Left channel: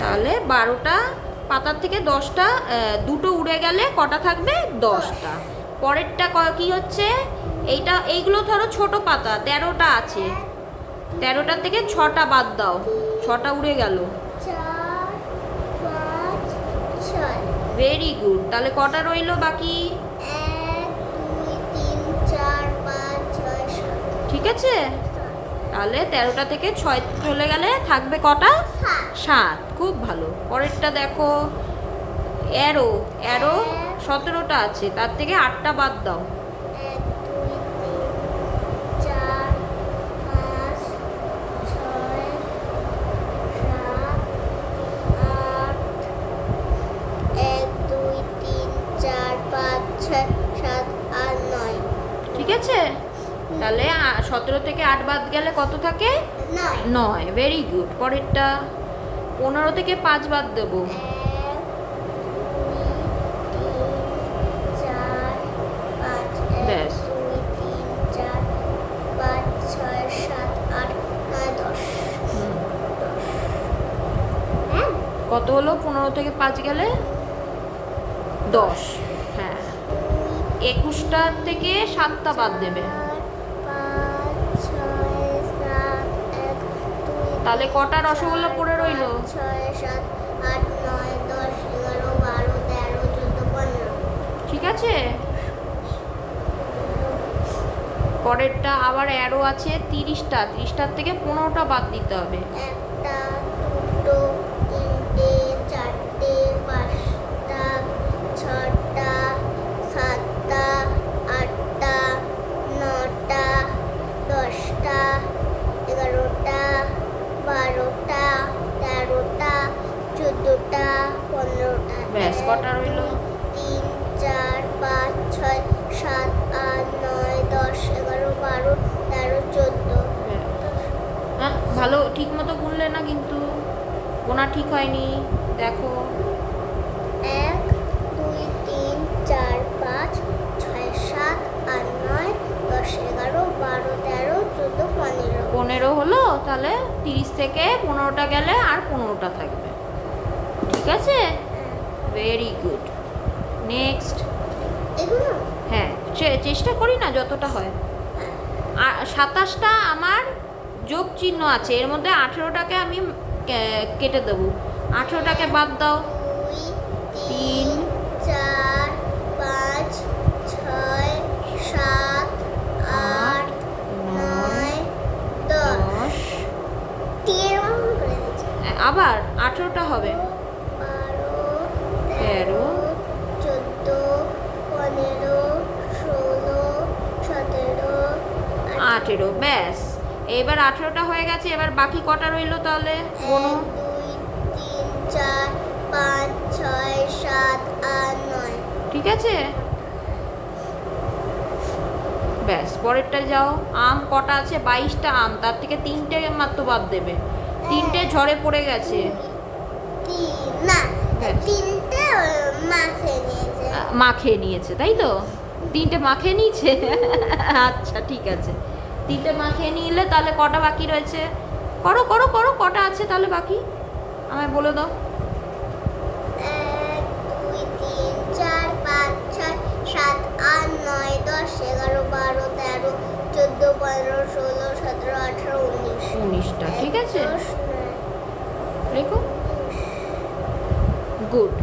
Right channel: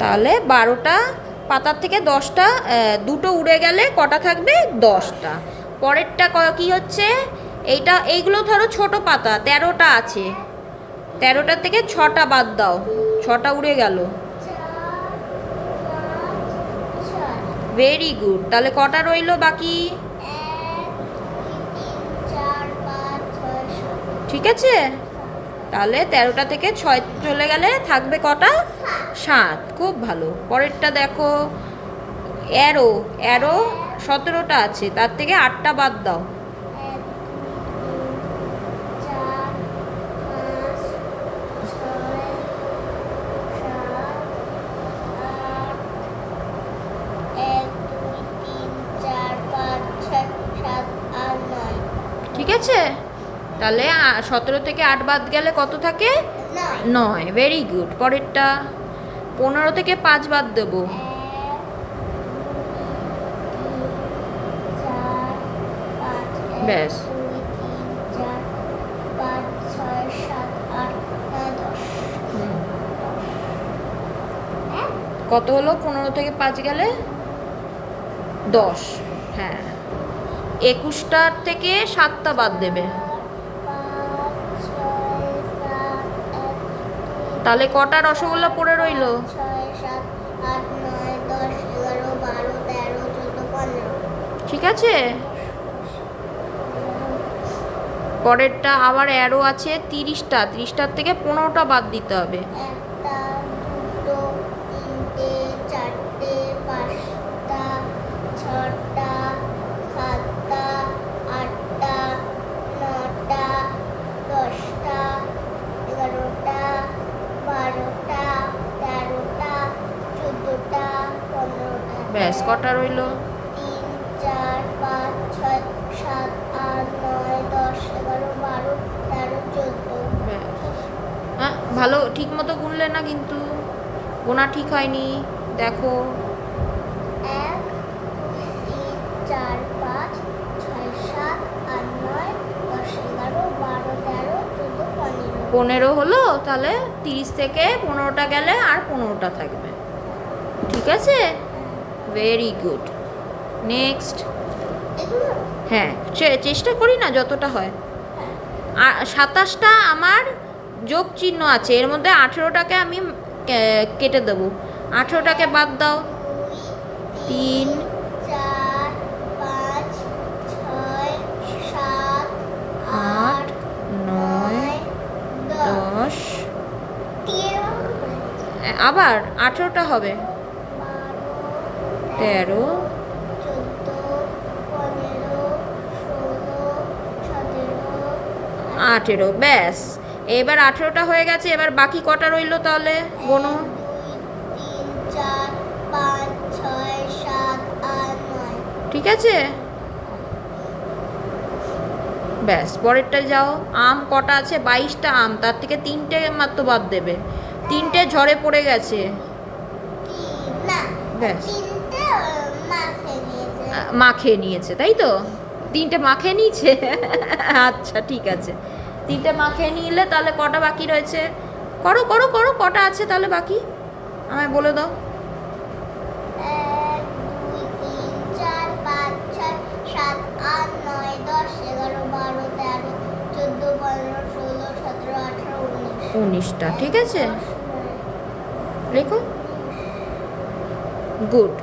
তাহলে 12টা পাতার থেকে 10টা, দুটো উড়ে গেলে কটা থাকবে? 10টা। পরেরটা কি হচ্ছে? এইগুলো ধরো ছোট পাতা, 13টা আছে, 13টার থেকে 6টা বাদ দাও, 6টা উড়ে গেল। Very good. তাহলে কটা রইলো বাকি? ঠিক আছে, তাহলে 13টা থেকে 6 চলে গেলে থাকবে কটা? 7। খুব ভালো। পরেরটা দেখো, অ্যারো। অ্যারো 17টা আছে, তার থেকে 8টা বাদ দাও। ঠিক আছে, তাহলে 17 থেকে 8 বাদ গেলে কত থাকে? 9। Very good. পরেরটা 15 থেকে 5 বাদ দেবো। ব্যাস, কত হলো? 15 থেকে 5 গেলে 10। হ্যাঁ, 21টার থেকে 7টা বাদ দেবে। তাহলে কটা রসগোল্লা পড়ে রইল? ঠিক আছে, পরেরটা আবার অ্যারো আছে 30টা, 30টার থেকে 15টা বাদ দিতে হবে। 1, 2, 3, 4, 5, 6, 7, 8, 9, 10, 11, 12, 13, 14, 15। ব্যাস, কটা রইল? 3, 4, 5, 6, 7, 8, 9, 10, 11, 12, 13, 14। হ্যাঁ, ভালো, ঠিক মতো গুনলে না কিন্তু, গোনা ঠিক হয়নি। দেখো, 1, 2, 3, 4, 5, 6, 7, 8, 9, 10, 11, 12, 13, 14, 15। 15 হলো। তাহলে 30 থেকে 15টা গেলে আর 15টা থাকবে। ঠিক আছে, ভেরি গুড। নেক্সট। হ্যাঁ, চেষ্টা করি না যতটা হয়। 27টা আমার যোগ চিহ্ন আছে, এর মধ্যে 18টাকে আমি কেটে দেবো। 18টাকে বাদ দাও। 3, 4, 5, 6, 7, 8, 9, 10। আবার 18টা হবে। 13, 14, 15, 16, 17, 18। ব্যাস, এবার 18টা হয়ে গেছে। এবার বাকি কটা রইলো তাহলে? গোনো। 1, 2, 3, 4, 5, 6, 7, 8, 9। ঠিক আছে, ব্যাস, পরেরটা যাও। আম কটা আছে? 22টা আম, তার থেকে 3টে মাত্র বাদ দেবে। 3টে ঝড়ে পড়ে গেছে। ব্যাস, মা খেয়ে নিয়েছে, তাই তো? 3টে মা খেয়ে নিয়েছে। আচ্ছা, ঠিক আছে, 3টে মা খেয়ে নিলে তাহলে কটা বাকি রয়েছে? করো করো করো, কটা আছে তাহলে বাকি আমায় বলে দাও। 1, 2, 3, 4, 5, 6, 7, 8, 9, 10, 11, 12, 13, 14, 15, 16, 17, 18, 19টা। ঠিক আছে, লেখো। গুড।